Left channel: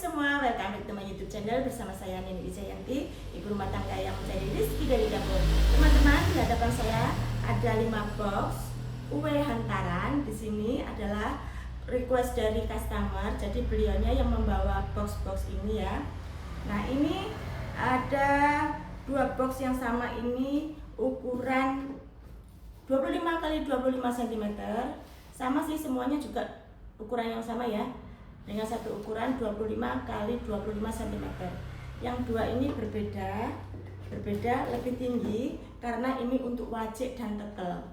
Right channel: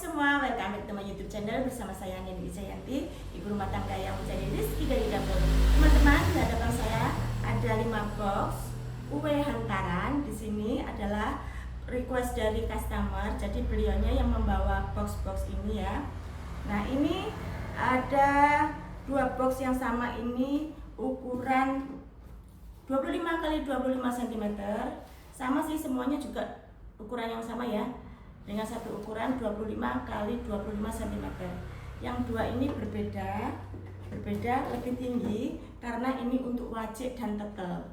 semua, welcome back to my YouTube channel bersama saya Nini Wijayanti, ibu rumah tangga yang mencari rezeki dari dapur. Teman-teman, di hadapan saya ada 5 box kue hantaran. Di sini adalah request dari customer, jadi beliaunya yang membawa box-box ini ya. Nah, ini ada 2 box yang sama, ini ukuran 25 x 25 cm. Sama sih, semuanya juga ukuran yang sama ya, dengan satu ukuran 25 x 25 cm. Yang dua ini berbeda lebih tinggi karena ini untuk wajik dan tetel.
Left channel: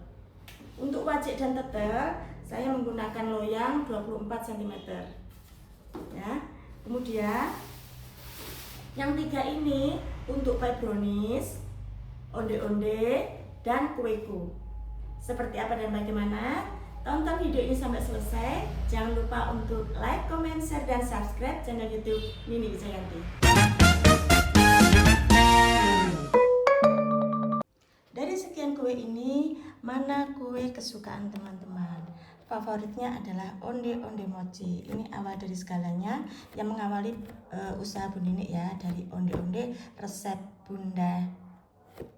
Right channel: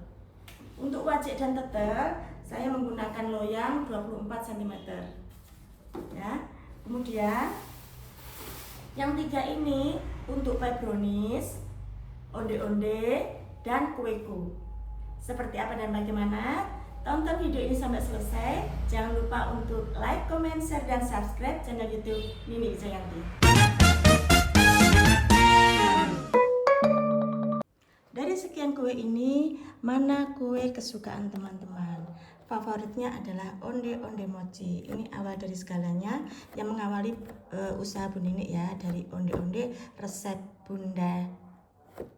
Untuk wajik dan tetel saya menggunakan loyang 24 cm ya. Kemudian yang 3 ini untuk pie brownies, onde-onde, dan kueku. Seperti apa dan bagaimana? Tonton video ini sampai selesai. Jangan lupa untuk like, comment, share, dan subscribe channel YouTube Nini Wijayanti. Dari sekian kue ini, mana kue kesukaan teman-teman? Favoritnya adalah onde-onde mochi. Ini awal dari segalanya, yang mengawali usaha Bu Nini ya, dari onde-onde resep bunda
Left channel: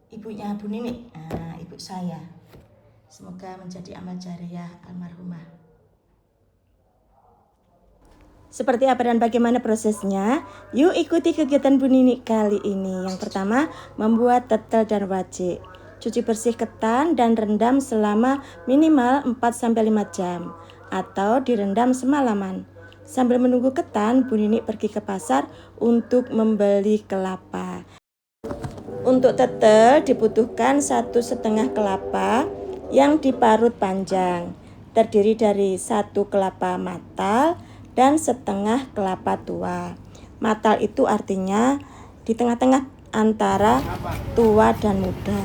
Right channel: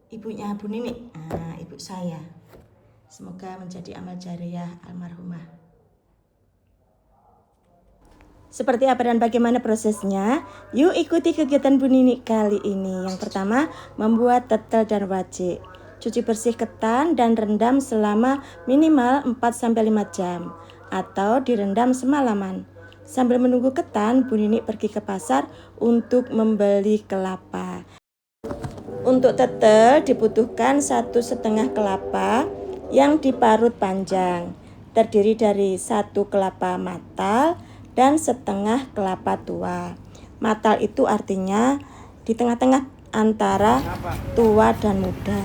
ibunya Bu Nini, ibu saya. Semoga menjadi amal jariah almarhumah. Seperti apa dan bagaimana prosesnya? Yuk ikuti kegiatan Bu Nini kali ini. Yang pertama, membuat tetel dan wajik. Cuci bersih ketan dan rendam selama minimal 4-5 jam atau direndam semalaman. Sambil menunggu ketan, Bu Nini pergi ke pasar untuk membeli kelapa. Untuk tetel dibutuhkan 1,5 kelapa yang diparut panjang, terdiri dari 1 kelapa matal dan setengah kelapa tua. Matal itu artinya di tengah-tengah antara tua dan muda.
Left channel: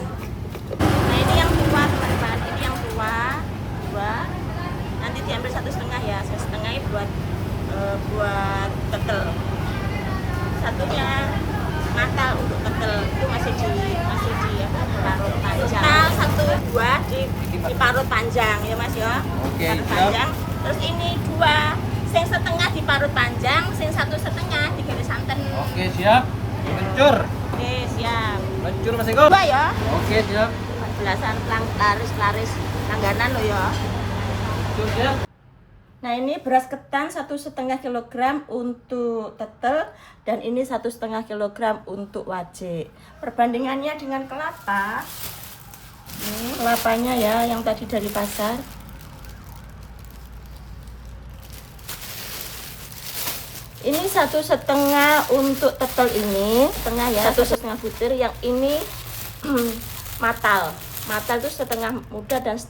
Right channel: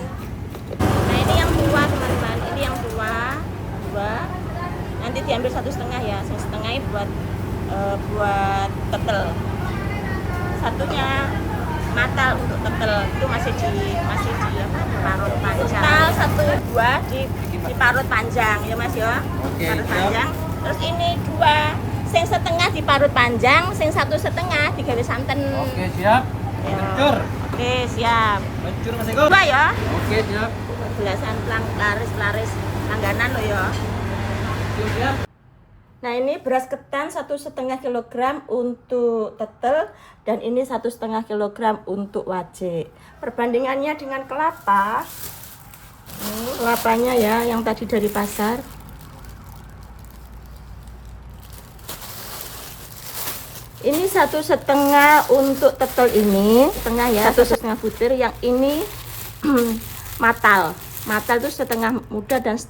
Nah, ini yang tua teman-teman, ini yang tua 2. Nanti diambil 1,5 ya, 1,5 buat tetel. Satunya matal untuk tetel itu masih di diparut panjang. Matal 1-2 diparut panjang ya Mas ya. Oke, parut panjang. Terus ini 2 sing setengah diparut panjang, sing 1,5 digawe santen. Oke, siap. Mencur. Oke, siap. Mencur Mas Eko. 2 ya. Oke, siap. Belasan laris langganan lo ya. Siap. Nah, ini beras ketan 1,5 kg untuk tetel dan ini 1,5 kg untuk wajik. Perbandingannya dengan kelapa, ini kelapanya ya yang tadi dari pasar. Ini 1,5 untuk tetel ini, setengah ya, 1,5 butir. Yang ini matal. Matal itu setengah muda dan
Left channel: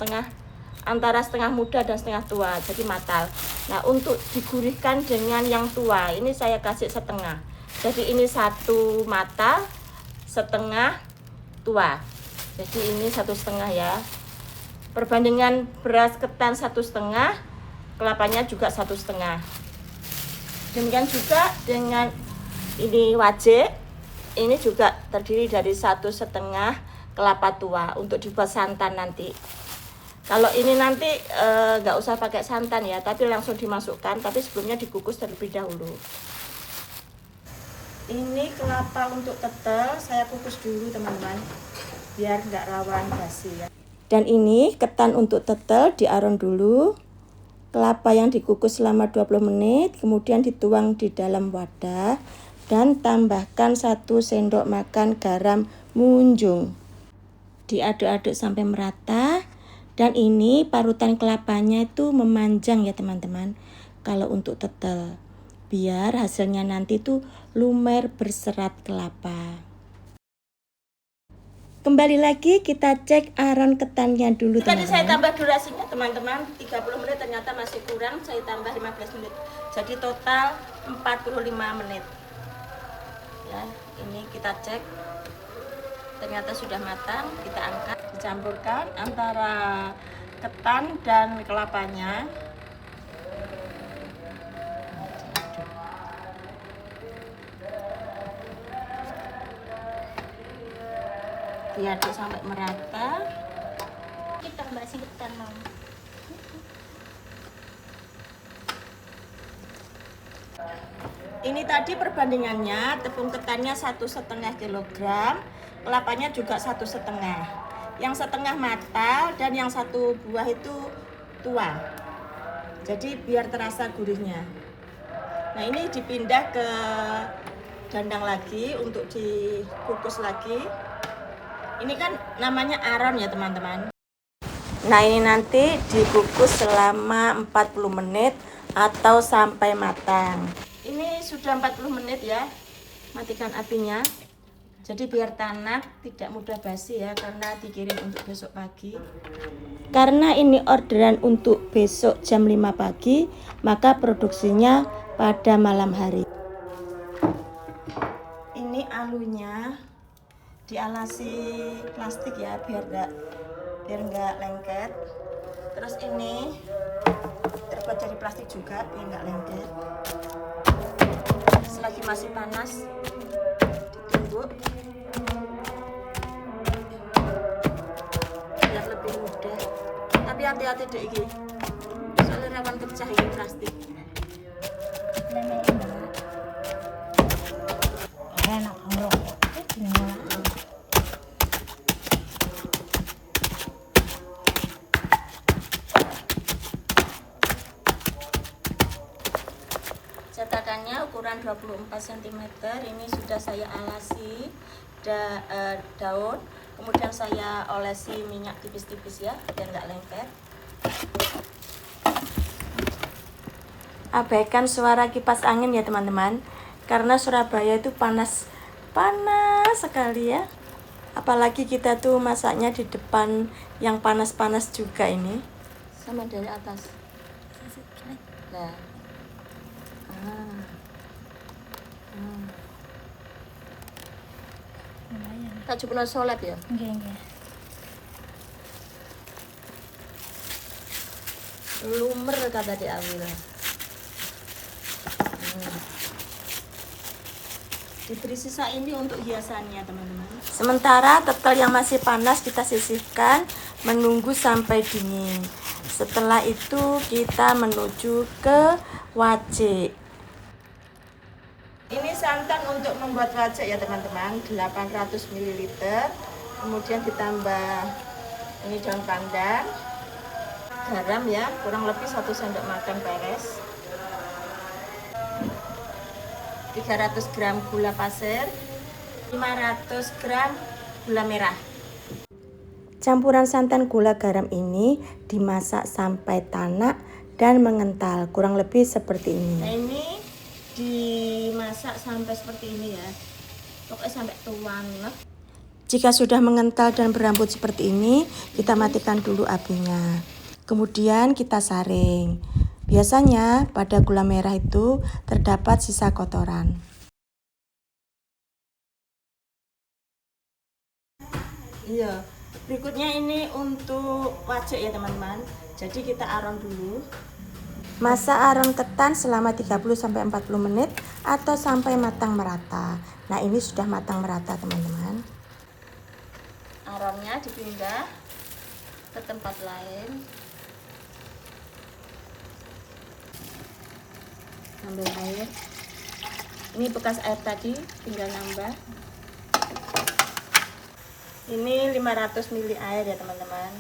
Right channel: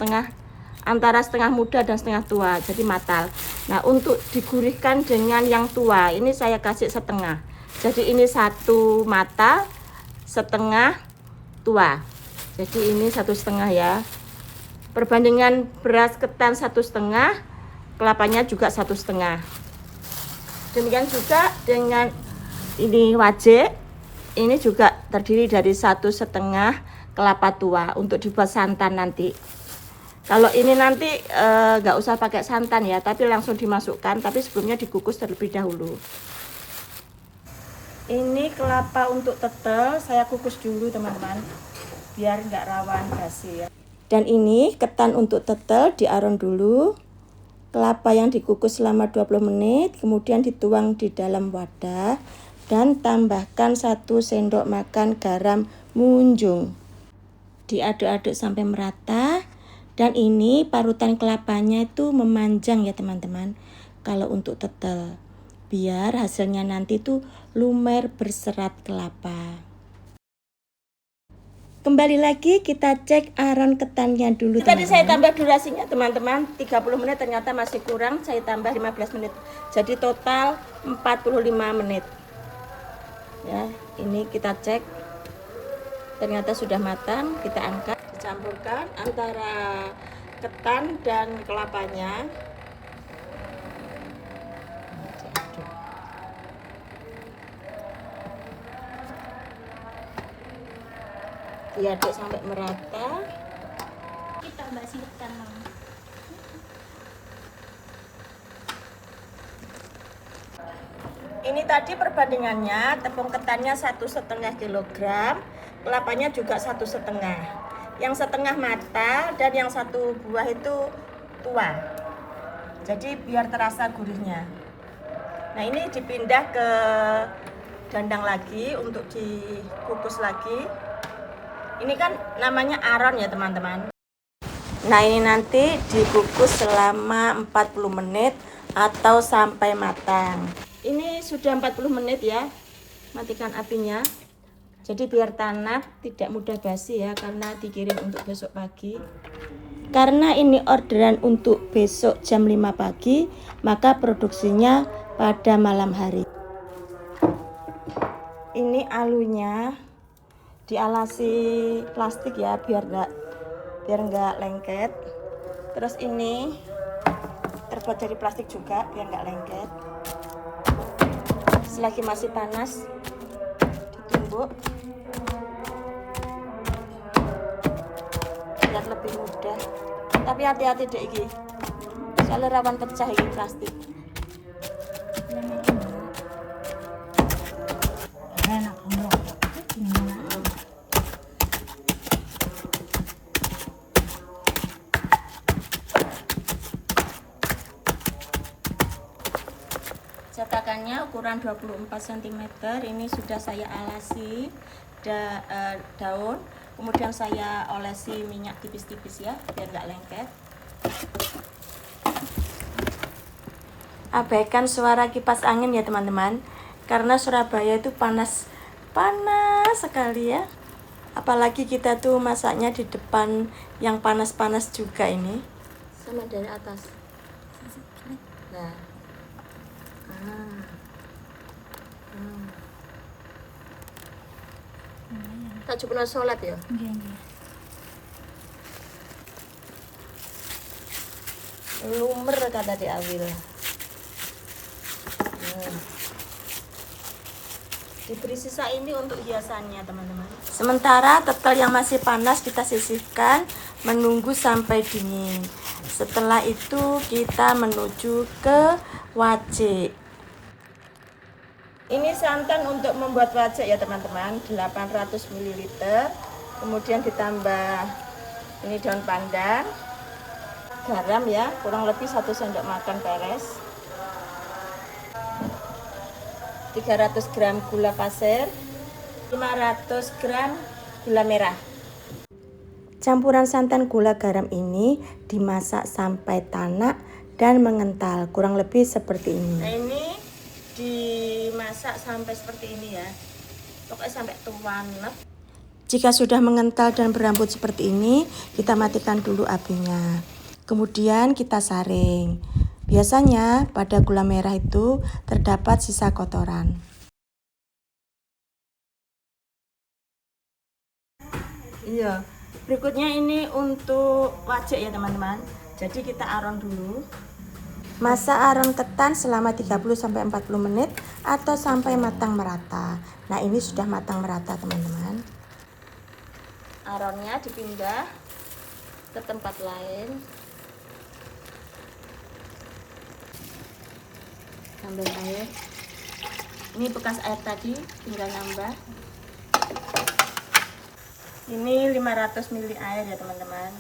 antara setengah muda dan setengah tua, jadi matal. Nah, untuk digurihkan dengan yang tua, ini saya kasih setengah. Jadi ini 1 matal, setengah tua. Jadi ini 1,5 ya. Perbandingan beras ketan 1,5, kelapanya juga 1,5. Demikian juga dengan ini wajik, ini juga terdiri dari 1,5 kelapa tua untuk dibuat santan nanti. Kalau ini nanti nggak usah pakai santan ya, tapi langsung dimasukkan, tapi sebelumnya dikukus terlebih dahulu. Ini kelapa untuk tetel, saya kukus dulu teman-teman, biar nggak rawan basi ya. Dan ini ketan untuk tetel diaron dulu. Kelapa yang dikukus selama 20 menit, kemudian dituang di dalam wadah dan tambahkan 1 sendok makan garam munjung. Diaduk-aduk sampai merata. Dan ini parutan kelapanya itu memanjang ya teman-teman. Kalau untuk tetel, biar hasilnya nanti tuh lumer berserat kelapa. Kembali lagi kita cek aron ketannya dulu teman-teman. Tadi saya tambah durasinya teman-teman, 30 menit ternyata masih kurang, saya tambah 15 menit. Jadi total 45 menit. Ya, ini kita cek. Ternyata sudah matang, kita angkat, dicampurkan antara ketan dan kelapanya. Diaduk sampai merata. Kita tambah ketan dong. Ini tadi perbandingannya, tepung ketannya 1,5 kilogram, kelapanya juga 1,5. Yang setengah matang dan yang satu buah itu tua. Jadi biar terasa gurihnya. Nah ini dipindah ke dandang lagi untuk dikukus lagi. Ini kan namanya aron ya teman-teman. Nah ini nanti dikukus selama 40 menit atau sampai matang. Ini sudah 40 menit ya. Matikan apinya. Jadi biar tanak tidak mudah basi ya, karena dikirim untuk besok pagi. Karena ini orderan untuk besok jam 5 pagi, maka produksinya pada malam hari. Ini alunya dialasi plastik ya, biar nggak lengket. Terus ini terbuat dari plastik juga biar nggak lengket. Selagi masih panas, ditumbuk biar lebih mudah. Tapi hati-hati deh ini, soalnya rawan pecah ini plastik. Enak banget. Cetakannya ukuran 24 cm. Ini sudah saya alasi daun, kemudian saya olesi minyak tipis-tipis ya, biar nggak lengket. Abaikan suara kipas angin ya teman-teman, karena Surabaya itu panas sekali ya. Apalagi kita tuh masaknya di depan yang panas-panas juga ini. Sama dari atas. Nah. Tak coba sholat ya? Nggih. Lumer kata di Awil. Diberi sisa ini untuk hiasannya teman-teman. Sementara tetel yang masih panas kita sisihkan, menunggu sampai dingin. Setelah itu kita menuju ke wajik. Ini santan untuk membuat wajik ya teman-teman, 800 ml. Kemudian ditambah ini daun pandan, garam ya, kurang lebih 1 sendok makan beres. 300 gram gula pasir, 500 gram gula merah. Campuran santan, gula, garam ini dimasak sampai tanak dan mengental, kurang lebih seperti ini. Nah ini dimasak sampai seperti ini ya, pokoknya sampai tuan. Jika sudah mengental dan berambut seperti ini, kita matikan dulu apinya. Kemudian kita saring. Biasanya pada gula merah itu terdapat sisa kotoran. Iya, berikutnya ini untuk wajik ya teman-teman. Jadi kita aron dulu. Masak aron ketan selama 30-40 menit atau sampai matang merata. Nah ini sudah matang merata teman-teman. Aronnya dipindah ke tempat lain. Ambil air. Ini bekas air tadi, tinggal nambah. Ini 500 ml air ya teman-teman.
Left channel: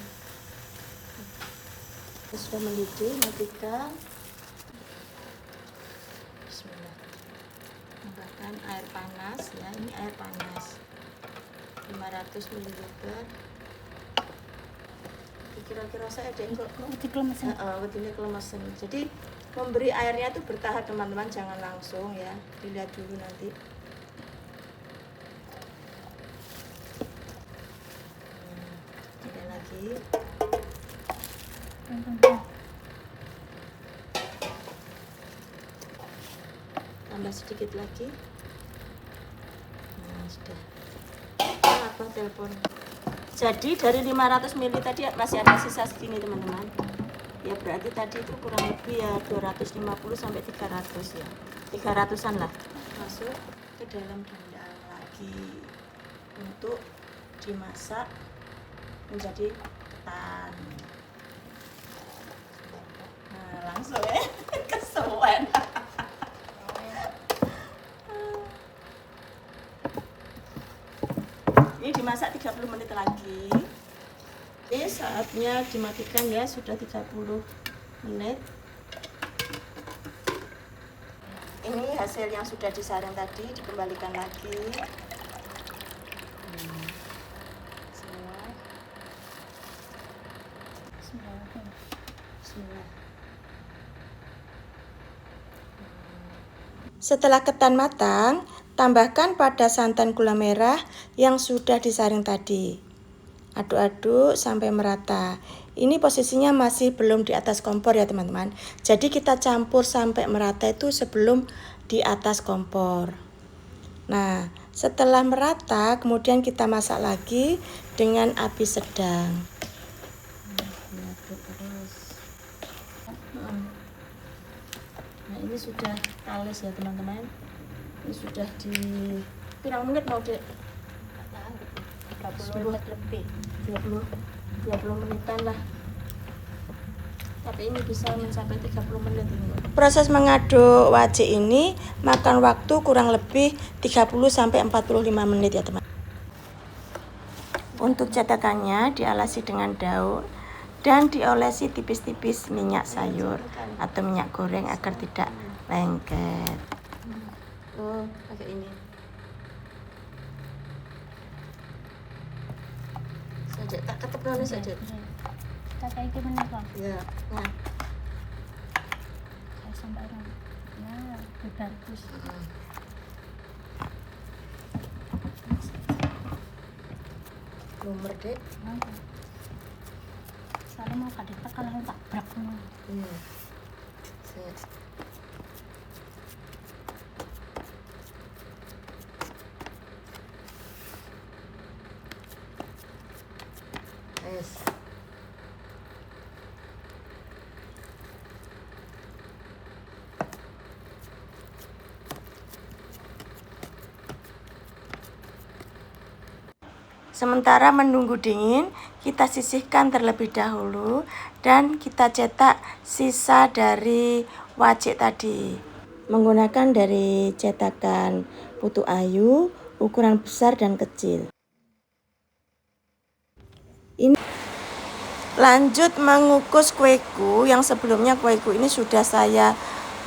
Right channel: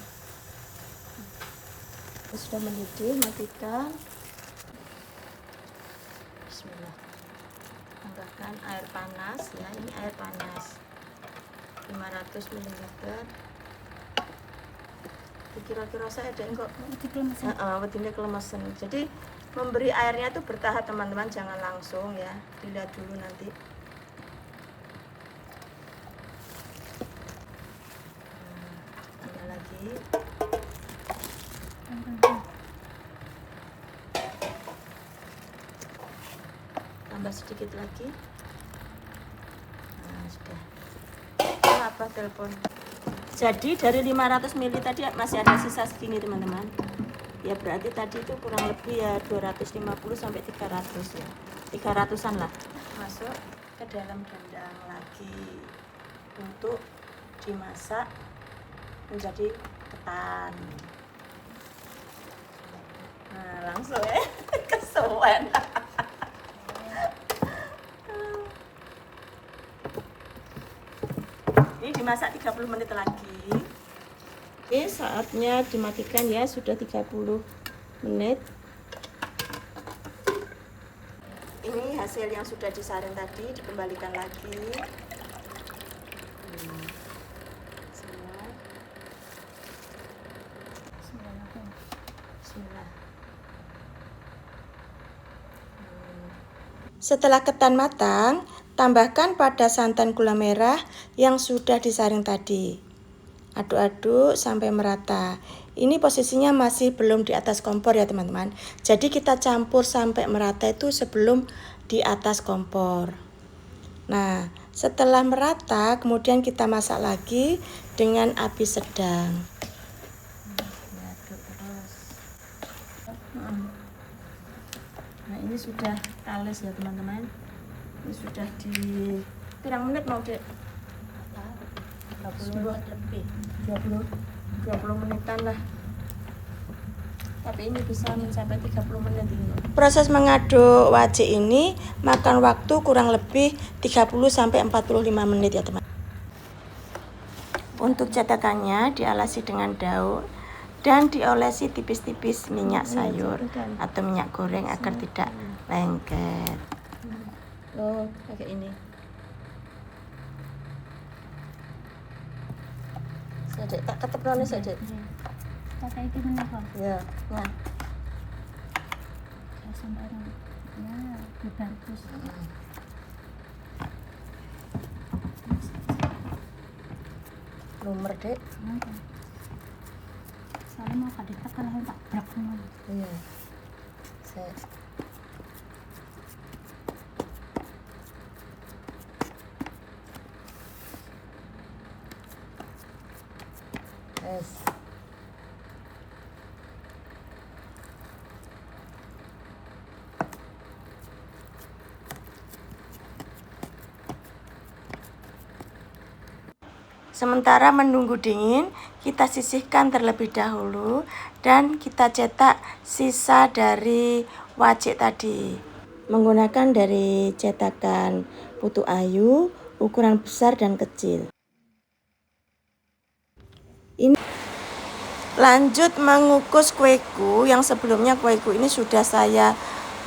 Sudah mendidih, matikan. Bismillah. Tambahkan air panas ya, ini air panas 500 ml. Kira-kira saya ada enggak wedine kelemasan. Jadi memberi airnya itu bertahap teman-teman, jangan langsung ya, dilihat dulu nanti. Tambah lagi. Tambah sedikit lagi. Nah sudah. Apa telepon? Jadi dari 500 ml tadi masih ada sisa segini teman-teman. Ya berarti tadi itu kurang lebih ya 250 sampai 300 ya. 300-an lah. Masuk ke dalam dandang lagi untuk dimasak menjadi ketan. Nah, langsung ya kesuwen. dimasak 30 menit lagi. Oke, saatnya dimatikan ya, sudah 30 menit. Ini hasil yang sudah disaring tadi, dikembalikan lagi. Bismillah. Setelah ketan matang, tambahkan pada santan gula merah yang sudah disaring tadi. Aduk-aduk sampai merata. Ini posisinya masih belum di atas kompor ya teman-teman. Jadi kita campur sampai merata itu sebelum di atas kompor. Nah, setelah merata kemudian kita masak lagi dengan api sedang. Nah, ini sudah halus ya teman-teman. Ini sudah di pirang menit mau Dek? 20 lebih. 20 menitan lah. Tapi ini bisa mencapai 30 menit ini. Proses mengaduk wajik ini makan waktu kurang lebih 30 sampai 45 menit ya teman. Untuk cetakannya dialasi dengan daun dan diolesi tipis-tipis minyak sayur atau minyak goreng agar tidak lengket. Oh, pakai ini. Saja tak ketepelane saja. Kata itu menikah. Ya, nah. Saya sampai ya, bagus. Nomor Dek. Saya mau kadit kalau tak berak semua. Iya. Set. Es. Sementara menunggu dingin, kita sisihkan terlebih dahulu dan kita cetak sisa dari wajik tadi. Menggunakan dari cetakan Putu Ayu, ukuran besar dan kecil. Ini lanjut mengukus kueku yang sebelumnya kueku ini sudah saya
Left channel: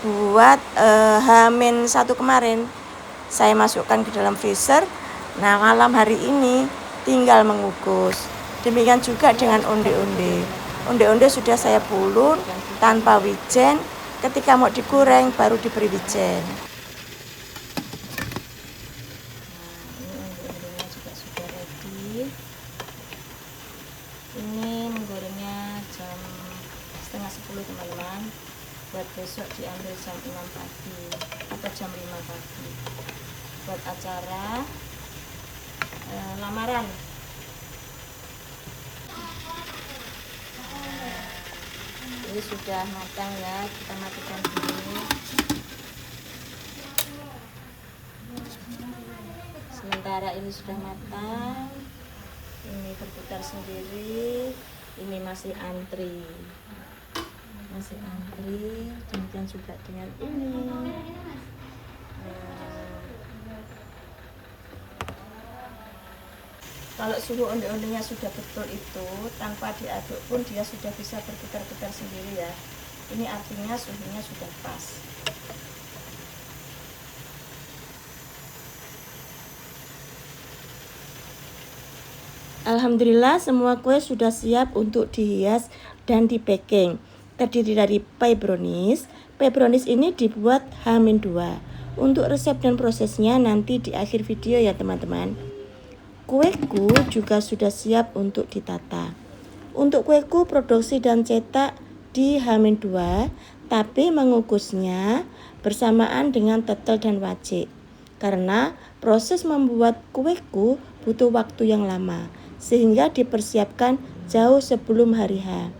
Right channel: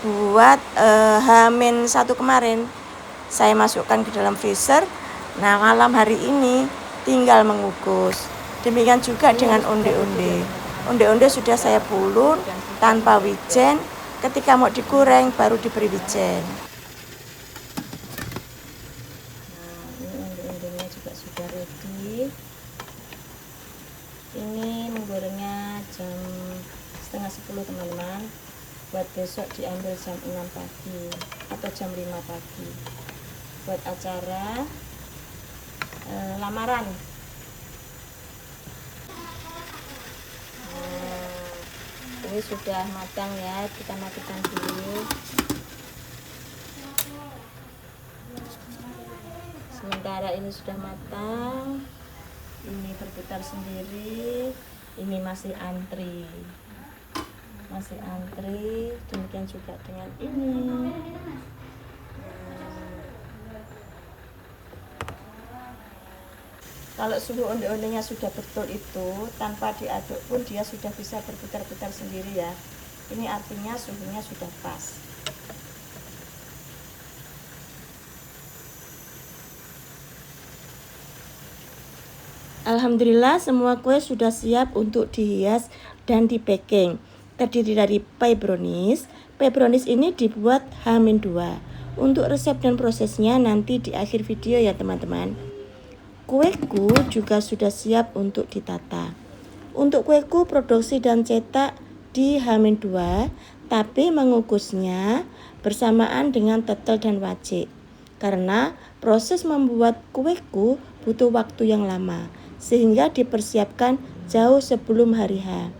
buat H-1 kemarin. Saya masukkan ke dalam freezer. Nah, malam hari ini tinggal mengukus. Demikian juga dengan onde-onde. Onde-onde sudah saya pulun tanpa wijen. Ketika mau digoreng baru diberi wijen. Nah, ini onde-ondenya juga sudah ready. Ini menggorengnya jam setengah 10 teman-teman. Buat besok diambil jam 6 pagi atau jam 5 pagi. Buat acara lamaran. Nah, ini sudah matang ya, kita matikan dulu. Sementara ini sudah matang, ini berputar sendiri, ini masih antri. Demikian juga dengan ini. Kalau suhu onde-ondenya sudah betul itu, tanpa diaduk pun dia sudah bisa berputar-putar sendiri ya. Ini artinya suhunya sudah pas. Alhamdulillah semua kue sudah siap untuk dihias dan di packing. Terdiri dari pie brownies. Pie brownies ini dibuat H-2. Untuk resep dan prosesnya nanti di akhir video ya teman-teman. Kueku juga sudah siap untuk ditata. Untuk kueku produksi dan cetak di H-2, tapi mengukusnya bersamaan dengan tetel dan wajik. Karena proses membuat kueku butuh waktu yang lama, sehingga dipersiapkan jauh sebelum hari H.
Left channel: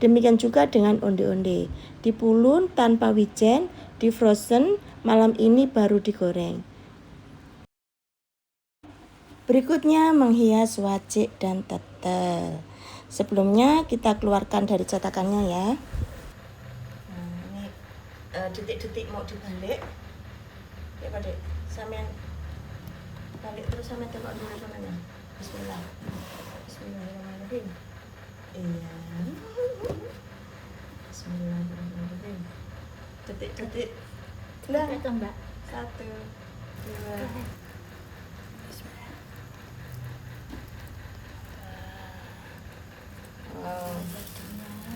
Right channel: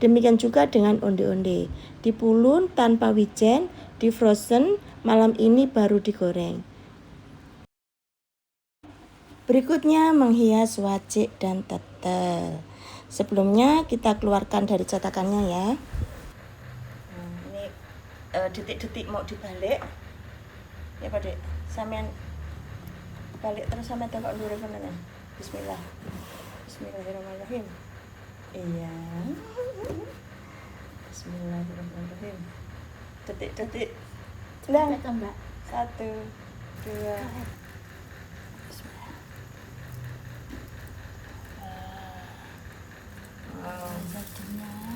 Demikian juga dengan onde-onde. Dipulun tanpa wijen, di frozen, malam ini baru digoreng. Berikutnya menghias wajik dan tetel. Sebelumnya kita keluarkan dari cetakannya ya. Nah, ini detik-detik mau dibalik. Ya Pak Dek, sampean balik terus sama tengok dulu sampean. Bismillah. Bismillahirrahmanirrahim. Iya. Bismillahirrahmanirrahim. Detik-detik. Lah. Itu mbak. 1, 2. Bismillah. Wow.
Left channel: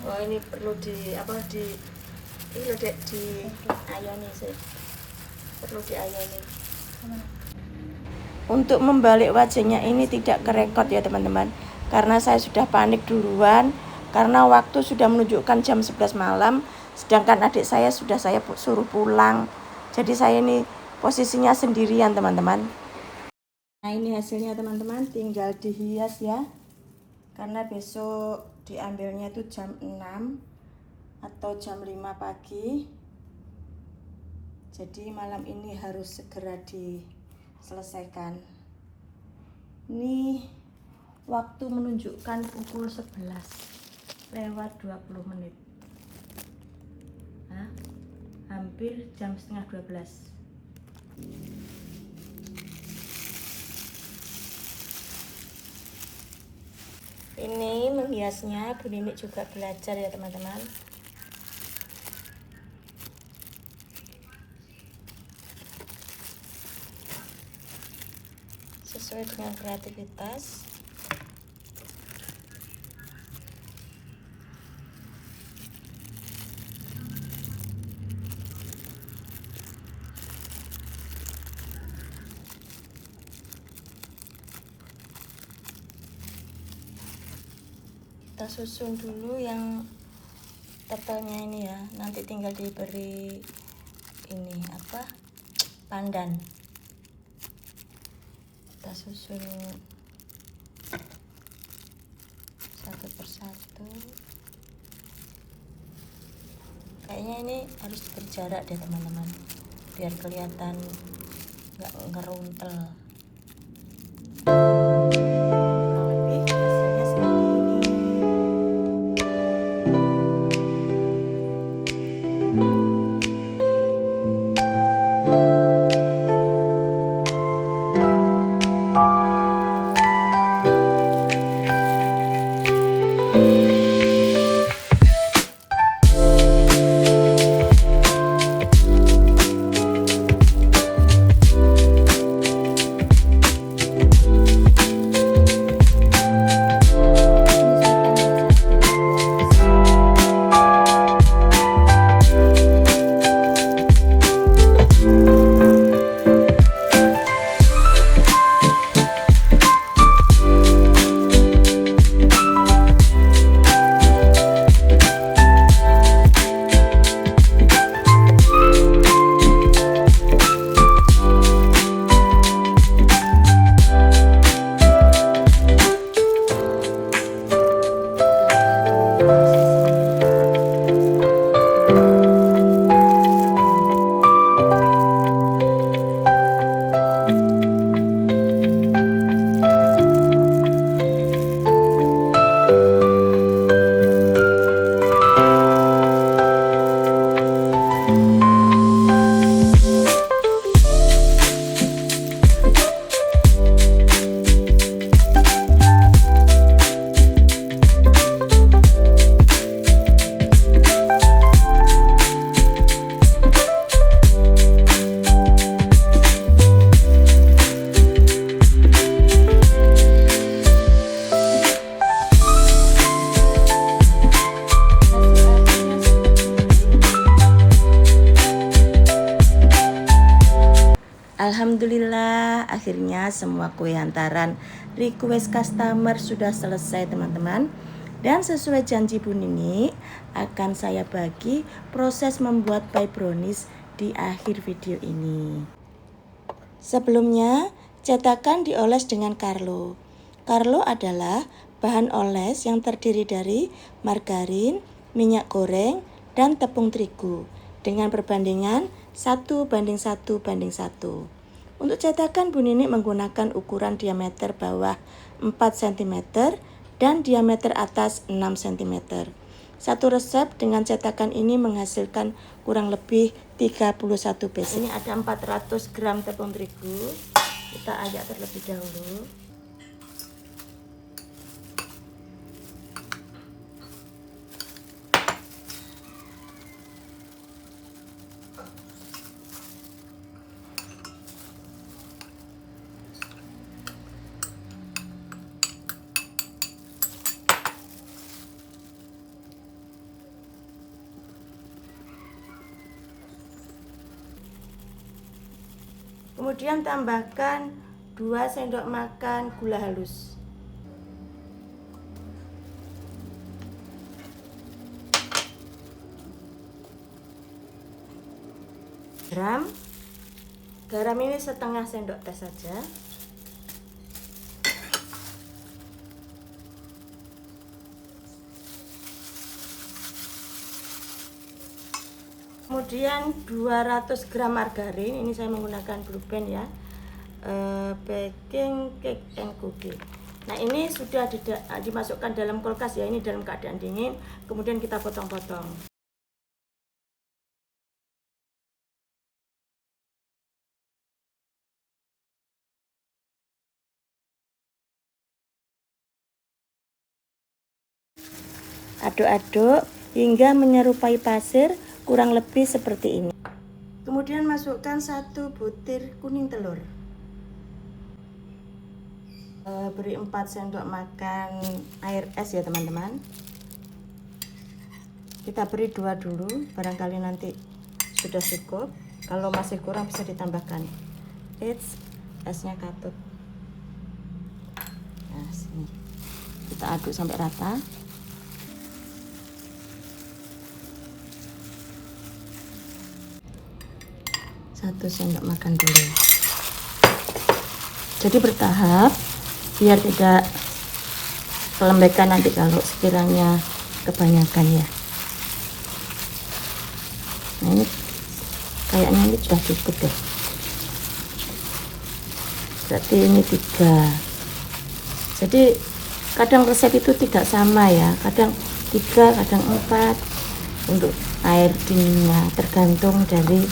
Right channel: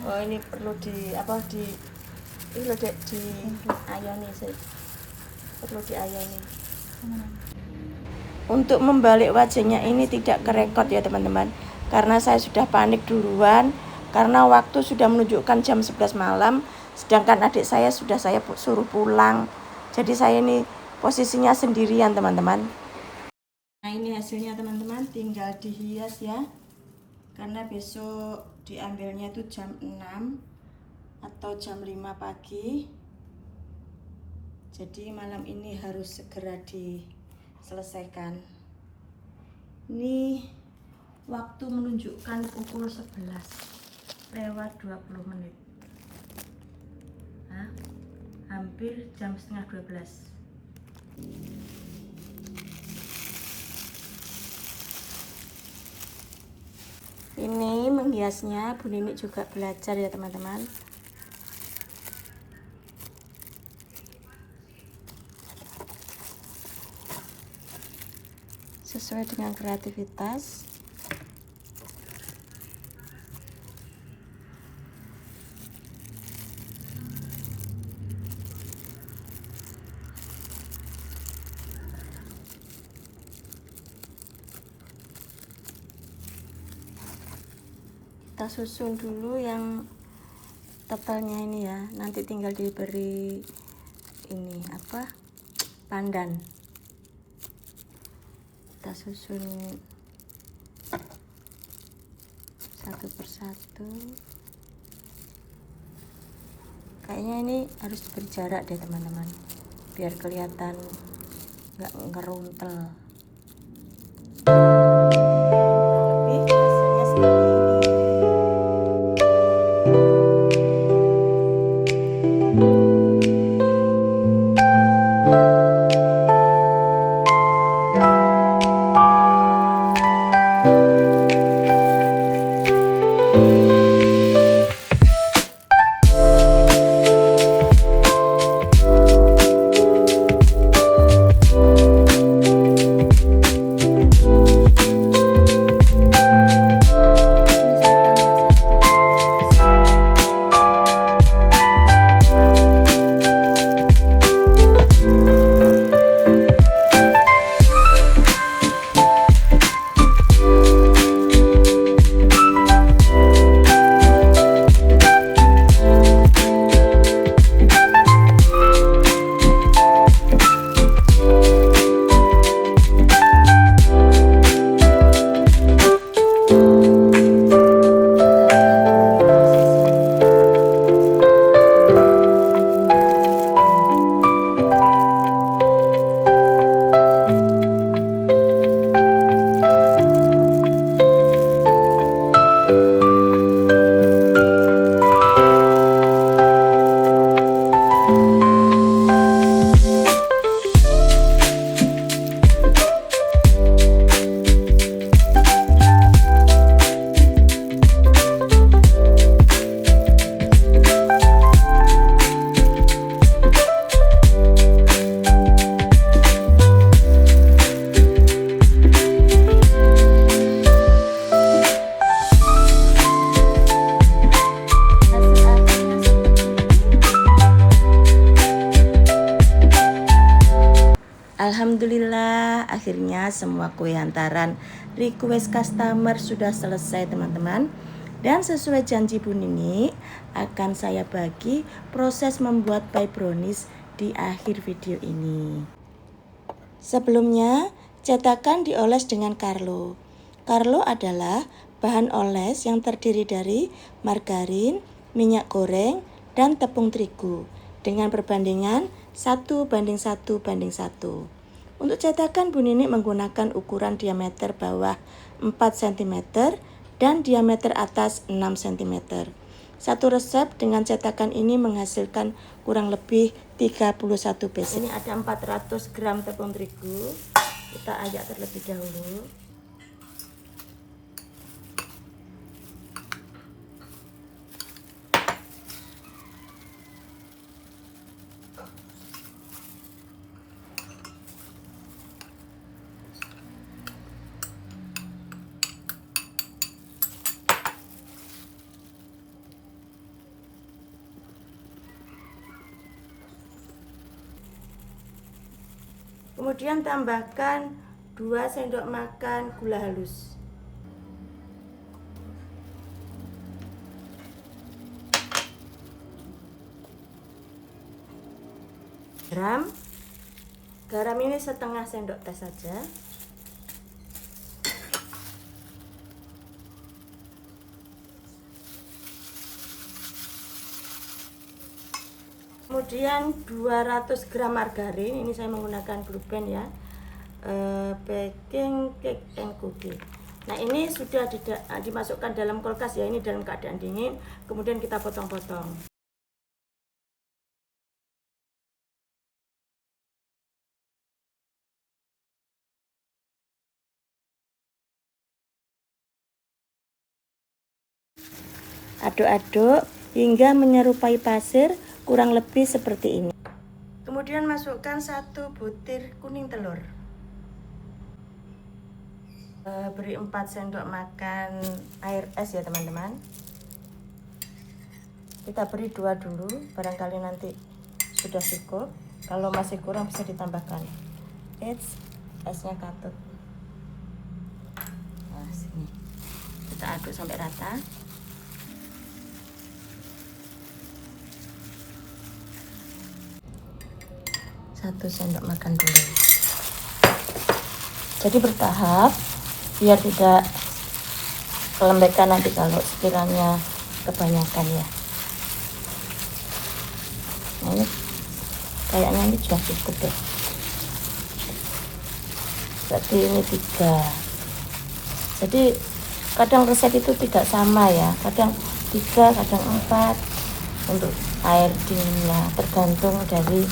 Oh ini perlu di apa di ini loh Dek, di ayoni sih. Perlu diayoni. Untuk membalik wajahnya ini tidak kerekot ya teman-teman, karena saya sudah panik duluan karena waktu sudah menunjukkan jam 11 malam, sedangkan adik saya sudah saya suruh pulang. Jadi saya ini posisinya sendirian teman-teman. Nah ini hasilnya teman-teman, tinggal dihias ya, karena besok diambilnya itu jam 6 atau jam 5 pagi. Jadi malam ini harus segera diselesaikan. Ini waktu menunjukkan pukul 11 lewat 20 menit. Nah, hampir jam setengah 12. Ini menghiasnya Bu Nini juga belajar ya teman-teman. Sesuai dengan kreativitas. Kita susun dulu yang totalnya ini ya, nanti tinggal diberi ini apa, pandan. Kita susun satu persatu. Kayaknya ini harus berjarak deh teman-teman, biar kelihatan nggak ngeruntel. Lebih hasilnya seperti ini. Alhamdulillah, akhirnya semua kue hantaran request customer sudah selesai teman-teman. Dan sesuai janji Bu Nini, akan saya bagi proses membuat pie brownies di akhir video ini. Sebelumnya, cetakan dioles dengan Carlo. Carlo adalah bahan oles yang terdiri dari margarin, minyak goreng, dan tepung terigu dengan perbandingan 1:1:1. Untuk cetakan Bu Nini menggunakan ukuran diameter bawah 4 cm dan diameter atas 6 cm. Satu resep dengan cetakan ini menghasilkan kurang lebih 31 piece. Ini ada 400 gram tepung terigu. Kita ayak terlebih dahulu. Kemudian tambahkan 2 sendok makan gula halus. Garam ini setengah sendok teh saja. Kemudian 200 gram margarin, ini saya menggunakan Blue Band ya, baking cake and cookie. Nah ini sudah dimasukkan dalam kulkas ya, ini dalam keadaan dingin. Kemudian kita potong-potong. Aduk-aduk hingga menyerupai pasir, kurang lebih seperti ini. Kemudian masukkan 1 butir kuning telur. Beri 4 sendok makan air es ya teman-teman. Kita beri 2 dulu, barangkali nanti sudah cukup. Kalau masih kurang bisa ditambahkan. Esnya katut. Nah, sini. Kita aduk sampai rata. Satu sendok makan dulu. Jadi bertahap biar tidak kelembekan nanti kalau sekiranya kebanyakan ya. Ini kayaknya ini sudah cukup deh. Berarti ini 3. Jadi kadang resep itu tidak sama ya, kadang 3, kadang 4 untuk airnya, tergantung dari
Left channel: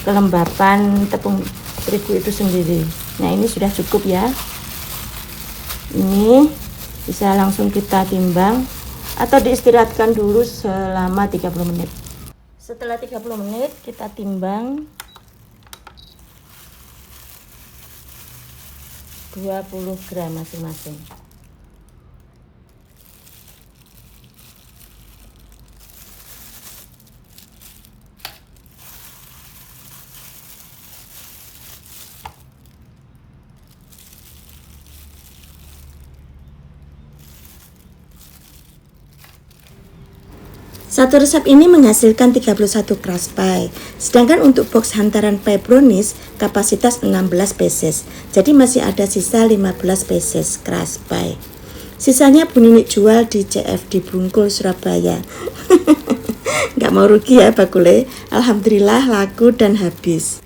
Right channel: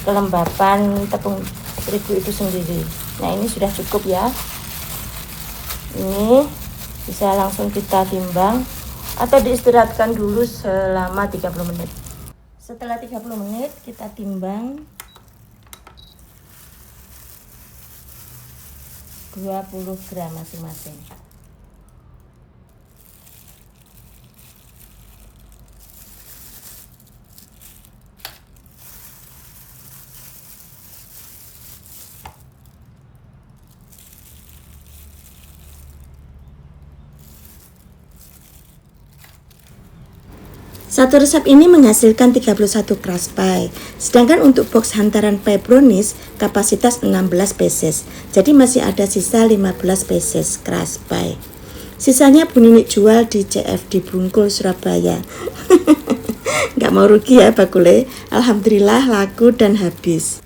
kelembapan tepung terigu itu sendiri. Nah ini sudah cukup ya. Ini bisa langsung kita timbang atau diistirahatkan dulu selama 30 menit. Setelah 30 menit kita timbang 20 gram masing-masing. Satu resep ini menghasilkan 31 crust pie, sedangkan untuk box hantaran pie brownies kapasitas 16 pieces, jadi masih ada sisa 15 pieces crust pie. Sisanya Bu Nini jual di CFD Bungkul, Surabaya. Nggak mau rugi ya bakule, alhamdulillah laku dan habis.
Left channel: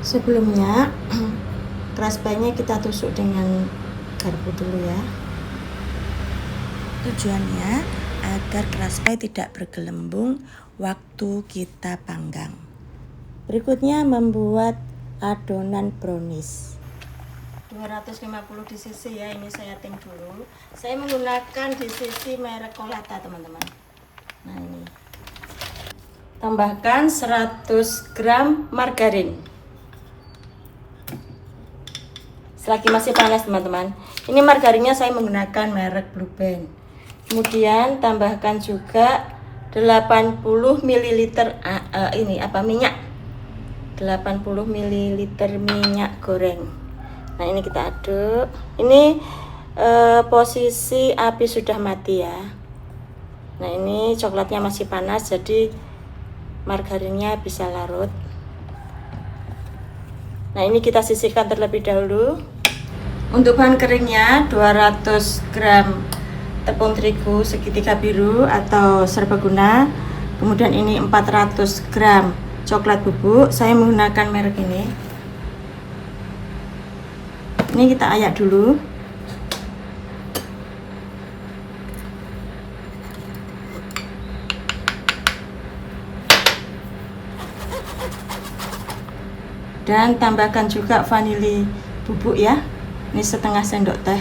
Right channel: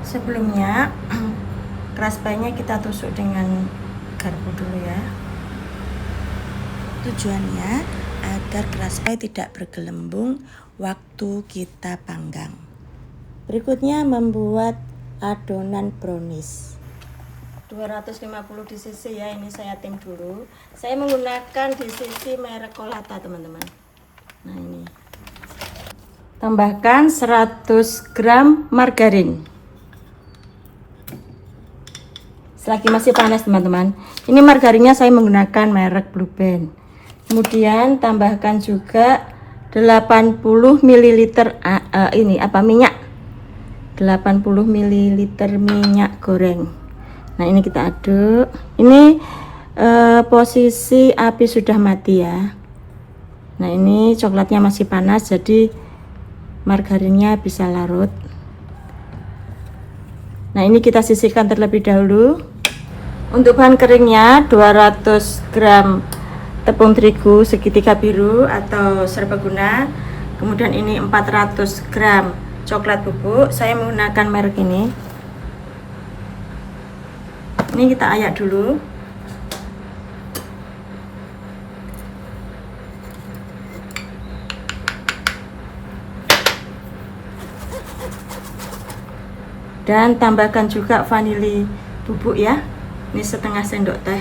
Sebelumnya crust pie-nya kita tusuk dengan garpu dulu ya. Tujuannya agar crust pie tidak bergelembung waktu kita panggang. Berikutnya membuat adonan brownies. 250 di sisi ya, ini saya tim dulu. Saya menggunakan di sisi merek Colata teman-teman. Nah ini. Tambahkan 100 gram margarin. Selagi masih panas teman-teman. Ini margarinnya saya menggunakan merek Blue Band. Kemudian tambahkan juga 80 ml minyak. 80 ml minyak goreng. Nah, ini kita aduk. Ini posisi api sudah mati ya. Nah, ini coklatnya masih panas jadi margarinnya bisa larut. Nah, ini kita sisihkan terlebih dahulu. Untuk bahan keringnya 200 gram tepung terigu segitiga biru atau serbaguna. Kemudian ini 400 gram coklat bubuk. Saya menggunakan merek ini. Ini kita ayak dulu. Dan tambahkan juga vanili bubuk ya. Ini setengah sendok teh.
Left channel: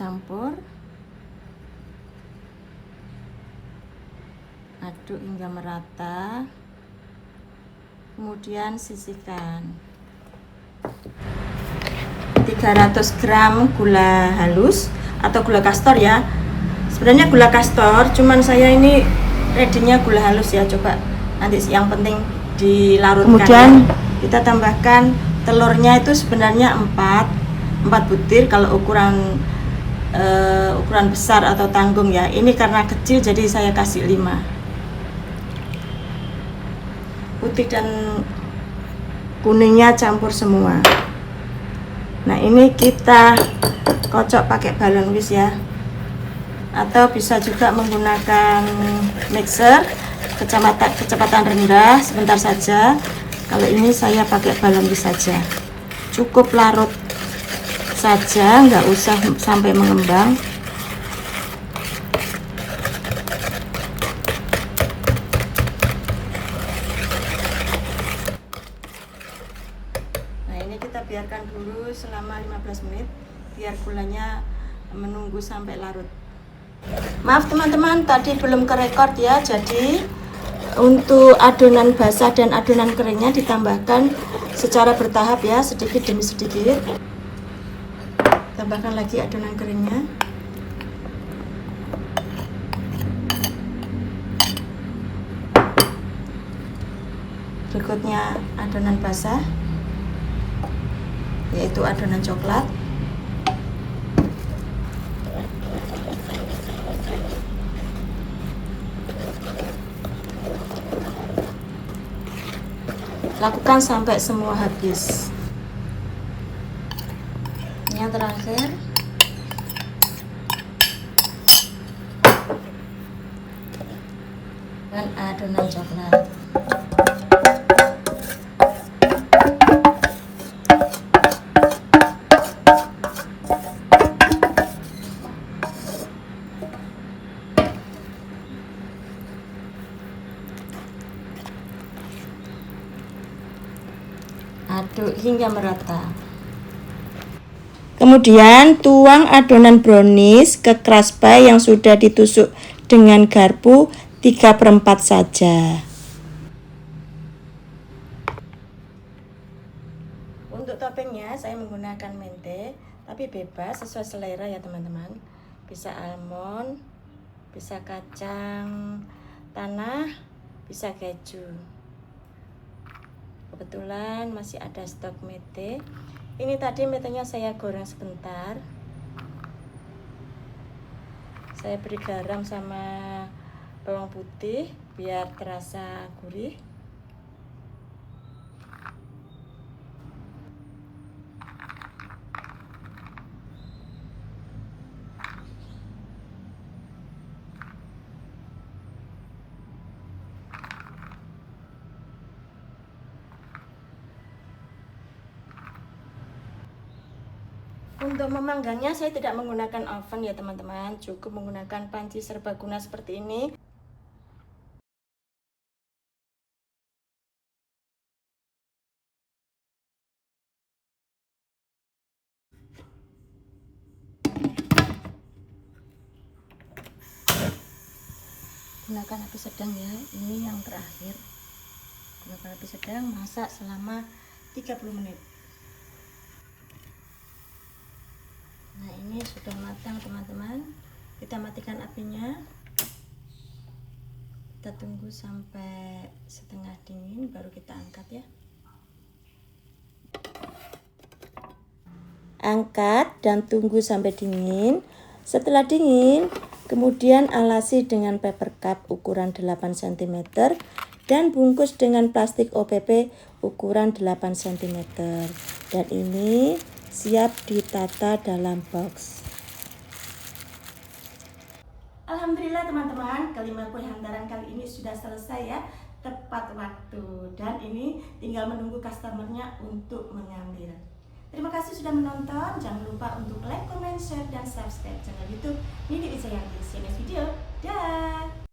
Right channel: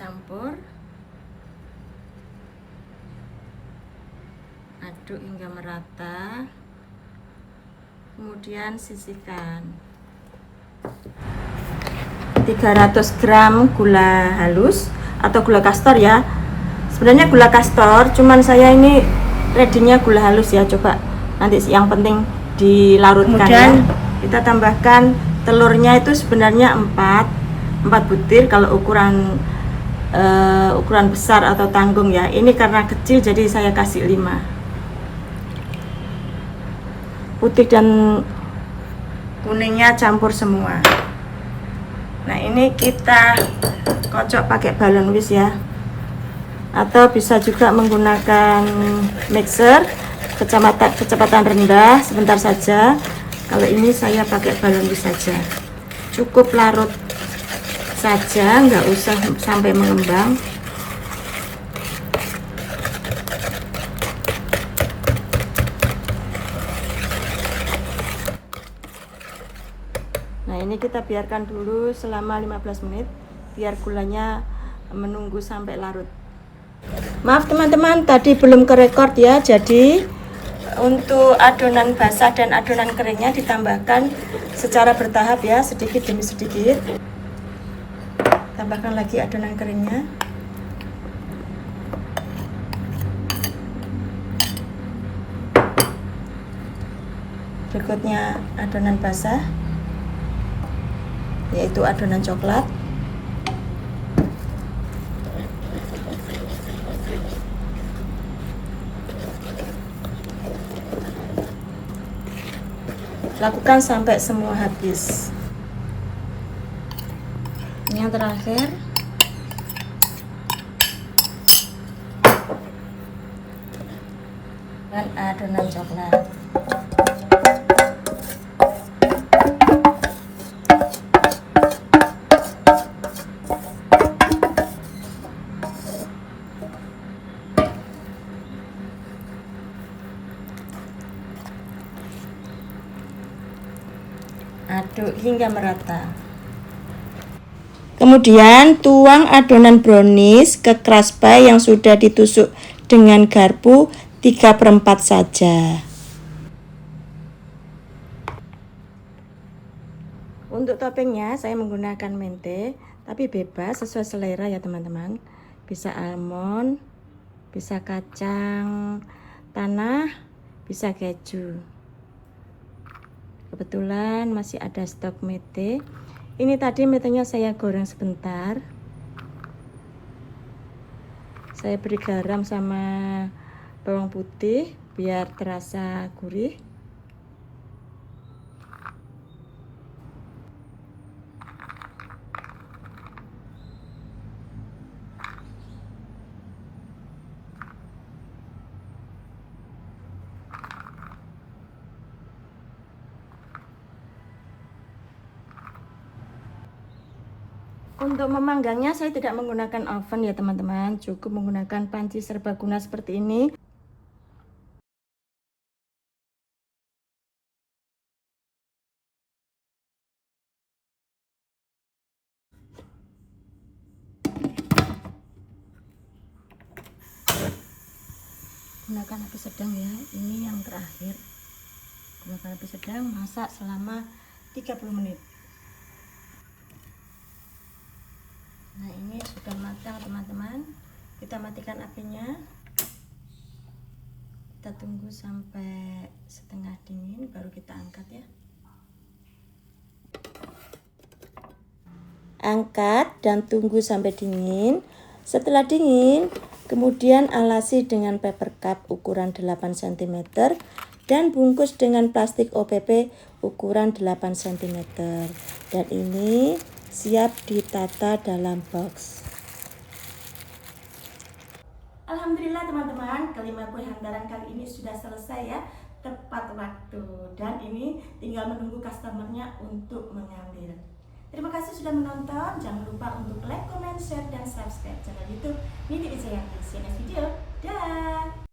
Campur, aduk hingga merata. Kemudian sisihkan 300 gram gula halus atau gula kastor ya. Sebenarnya gula kastor, cuman saya ini ready-nya gula halus ya. Coba nanti yang penting dilarutkan. Kemudian ya. Kita tambahkan telurnya itu sebenarnya 4 butir kalau ukuran besar atau tanggung ya. Ini karena kecil jadi saya kasih 5. Putih dan kuningnya campur semua. Nah, ini kita kocok pakai balon whisk ya. Atau bisa juga menggunakan mixer kecepatan rendah sebentar saja. Kalau ini saya pakai balon whisk saja. Cukup larut saja, nggak usah sampai mengembang. Nah, ini kita biarkan dulu selama 15 menit biar gulanya menunggu sampai larut. Maaf teman-teman, tadi belum kerekord ya. Jadi untuk adonan basah dan adonan keringnya ditambahkan secara bertahap ya, sedikit demi sedikit. Tambahkan lagi adonan keringnya. Berikutnya adonan basah, yaitu adonan coklat. Lakukan sampai semua habis. Yang terakhir dan adonan coklat. Aduk hingga merata. Kemudian tuang adonan brownies ke crush pie yang sudah ditusuk dengan garpu 3/4 saja. Untuk toppingnya saya menggunakan mente, tapi bebas sesuai selera ya teman-teman. Bisa almond, bisa kacang tanah, bisa keju. Kebetulan masih ada stok mete. Ini tadi metenya saya goreng sebentar. Saya beri garam sama bawang putih biar terasa gurih. Untuk memanggangnya saya tidak menggunakan oven ya teman-teman, cukup menggunakan panci serbaguna seperti ini. Gunakan api sedang ya, ini yang terakhir. Gunakan api sedang, masak selama 30 menit. Nah, ini sudah matang teman-teman. Kita matikan apinya. Kita tunggu sampai setengah dingin baru kita angkat ya. Angkat dan tunggu sampai dingin. Setelah dingin, kemudian alasi dengan paper cup ukuran 8 cm dan bungkus dengan plastik OPP ukuran 8 cm. Dan ini siap ditata dalam box. Alhamdulillah teman-teman, kelima kue hantaran kali ini sudah selesai ya, tepat waktu. Dan ini tinggal menunggu customernya untuk mengambil. Terima kasih sudah menonton. Jangan lupa untuk like, comment, share, dan subscribe channel YouTube Nini Wijayanti. See you next video. Dah.